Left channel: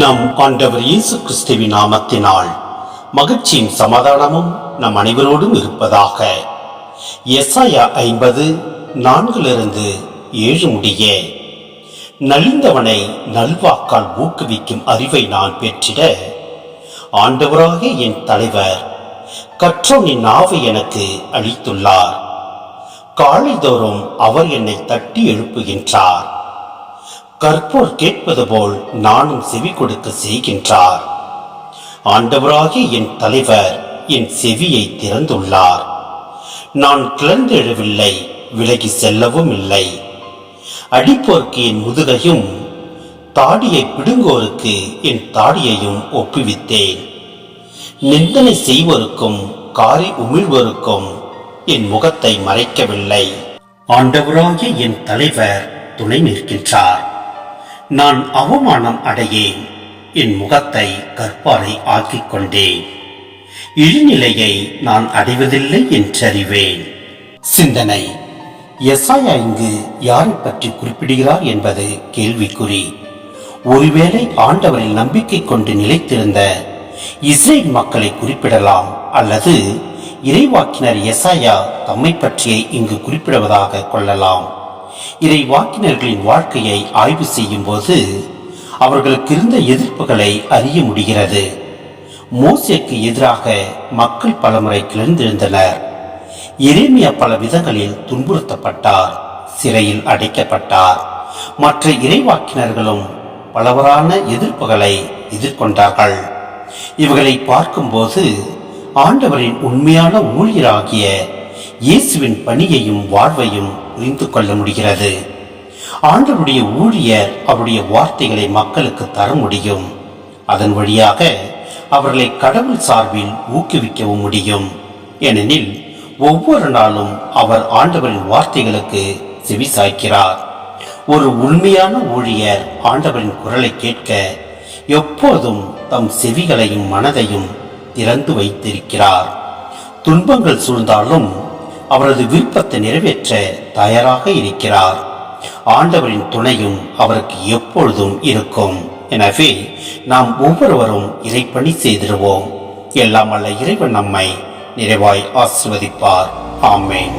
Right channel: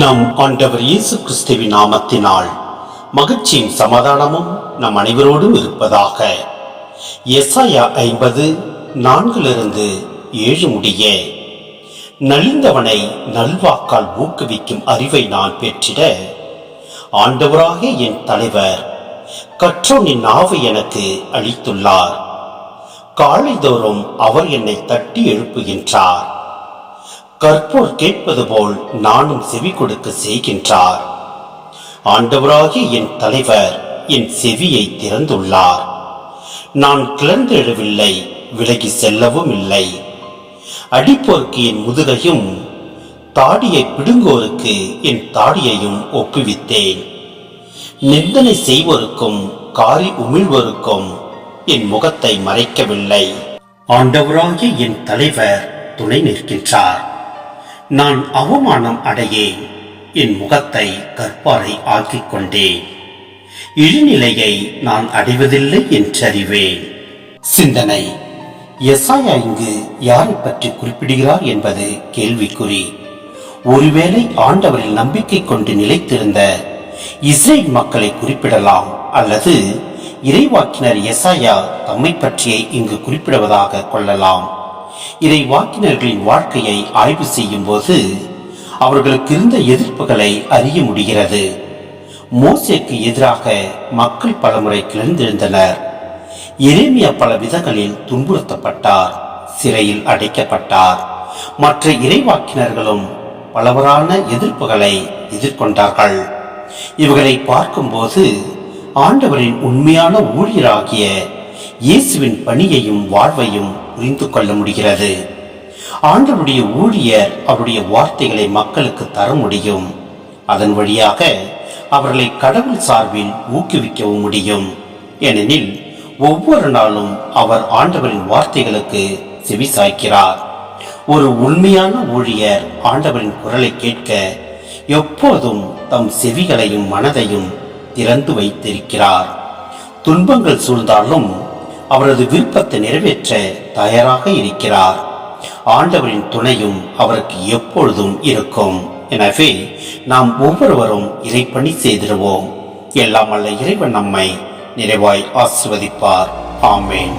நம் ஆண்டவர் இயேசு கிறிஸ்துவின் நாமத்தினால் மகிழ்ச்சியும் சமாதானமும் நம் அனைவரோடும் இருப்பதாக. எசாயா 50:4-7 முடிய. நலிந்தவனை நல்வாக்கால் ஊக்குவிக்கும் அறிவை நான் பெற்றிட ஆண்டவராகிய என் தலைவர் கற்றோனின் நாவை எனக்கு அளித்துள்ளார். காலைதோறும் அவர் என்னை தட்டி எழுப்புகின்றார். கற்போர் கேட்பது போல் நானும் செவி கொடுக்க செய்கின்றார். ஆண்டவராகிய என் தலைவர் என் செவியை திறந்துள்ளார். நான் கிளர்ந்தெழவில்லை, விலகி செல்லவும் இல்லை. அடிப்போருக்கு என் முதுகையும் தாடியை பிடுங்கோருக்கு என் தாடியையும் ஒப்புவித்தேன். நிந்தனை செய்வோருக்கும் காரி உமிழ்வோருக்கும் என் முகத்தை மறைக்கவில்லை. ஆண்டவராகிய என் தலைவர் துணை நிற்கின்றார். நான் அவமானம் அடையேன், என் முகத்தை கற்பாரை ஆக்கிக் கொண்டேன். இழிநிலையை நான் அடைவதில்லை என்றறிவேன். சிந்தனை: எசாயா இங்கு யாரை பற்றி குறிப்பிடுகிறார் என்பது கேள்விக்குறி. ஒருவேளை ஆண்டவரில் நம்பிக்கை கொண்டு நிலைத்திருந்த இஸ்ரேல் மக்களை குறிப்பிடலாம், அல்லது இறைவாக்கினர் எசாயா தம்மை பற்றியே இங்கு குறிப்பிடுவதாக கொள்ளலாம். இறைவாக்கினர்களின் வாழ்க்கையை ஆய்வு செய்யும் போது அவர்களுக்கு இருந்த எதிர்ப்புகளை அறிய முடிகிறது. மோசேக்கு எதிராக மக்கள் பலமுறை கிளர்ந்தெழுந்தனர். எரேமியா பல விதங்களில் துன்புறுத்தப்பட்டார், சிறையில் அடைக்கப்பட்டார். மற்ற இறைவாக்கினர்களும் பலவரான எதிர்ப்புகளை எதிர்கொண்டார்கள். இவர்களை பார்க்கும்போது ஆண்டவரின் உண்மையான ஊழியராகிய இயேசுவின் பணியையும் வாழ்வையும் புரிந்து கொள்ள முடிகிறது. ஆண்டவருடைய ஊழியர் அவருடைய வார்த்தைகளை மக்களுக்கு தர முடியும். அதன் வழியாக அவர்களை கடவுள் சார்பில் ஊக்குவிக்கவும் முடியும். ஏனெனில் ஒவ்வொரு நாளும் அவர் ஆண்டவரின் வார்த்தைகளுக்கு செவி சாய்க்கிறார். ஒரு உண்மையான ஊழியர் ஆண்டவரின் குரலை கேட்க எப்போதும் தம் செவிகளையும் மனதையும் திறந்து வைத்திருக்கிறார். துன்பங்கள் சூழ்ந்தாலும் அவரது விருப்பத்தை நிறைவேற்ற தயாராக இருக்கிறார். ஆண்டவரின் துணையும் அவருக்கு எப்பொழுதும் இருக்கும். எனவே நாம் ஒவ்வொருவரும் இறைப்பணி செய்திடுவோம். எல்லாம் வல்ல இறைவன் நம்மை நிறைவாய் ஆசீர்வதிப்பார். ஆமென்.